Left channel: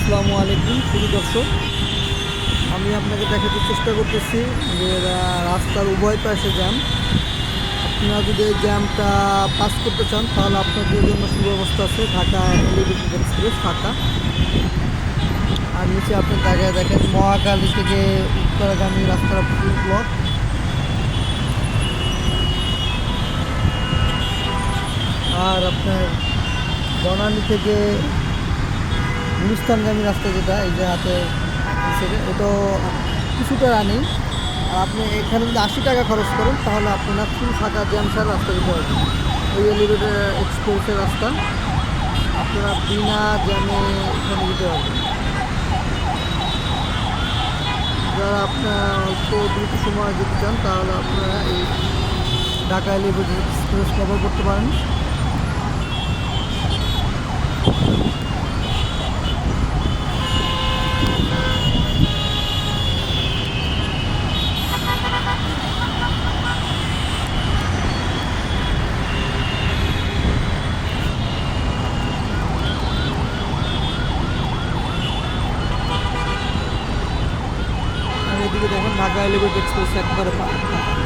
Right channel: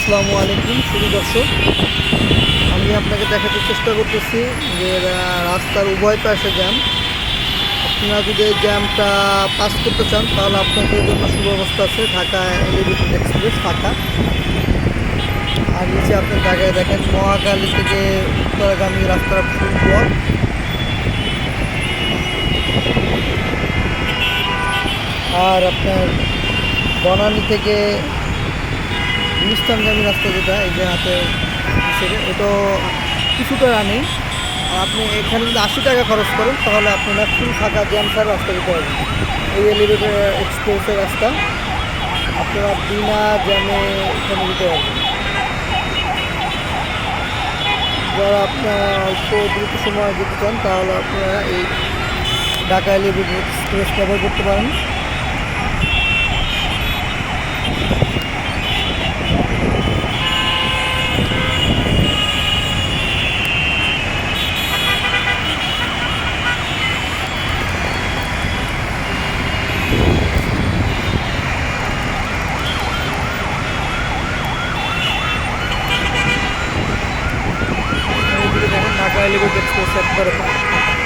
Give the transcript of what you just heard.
আসসালামু আলাইকুম শুধু দর্শক, আমি আপনাকে দেখাতে চেষ্টা করতেছি যে রাস্তার উভয় পাশে জ্যাম। আপনারা যদি এই জ্যামটা পাস করতে চান তাহলে আপনাদের জন্য সুব্যবস্থা আছে। ঢাকা এলিভেটেড এক্সপ্রেস ফাঁকা। আর নিচে আপনি জায়গায় দেখেন মহাখালী থেকে উত্তরাগামী রাস্তাটা ফুল ব্লক। আর আপনার বনানী থেকে গুলিস্তানগামী রাস্তা যেটা এই যে হাতে এটাও কিছুটা রানিং। আর আপনি এখানে যদি 80 টাকা খরচ করেন তাহলে আপনারা ফুল ফাঁকা জ্যাম ছাড়া রাস্তা দিতে পারবেন। এই এলিভেটেড এক্সপ্রেসের রাস্তা আপনারা বিনা জ্যামে এখানে দিতে পারবেন। যারা আপনারা অল্প দ্রুত সময় যেতে চান তাহলে আপনারা এই ঢাকা এলিভেটেড এক্সপ্রেস ব্যবহার করতে পারেন। এদিকে দেখেন ঢাকা এলিভেটেড এক্সপ্রেস একবারে ফাঁকা।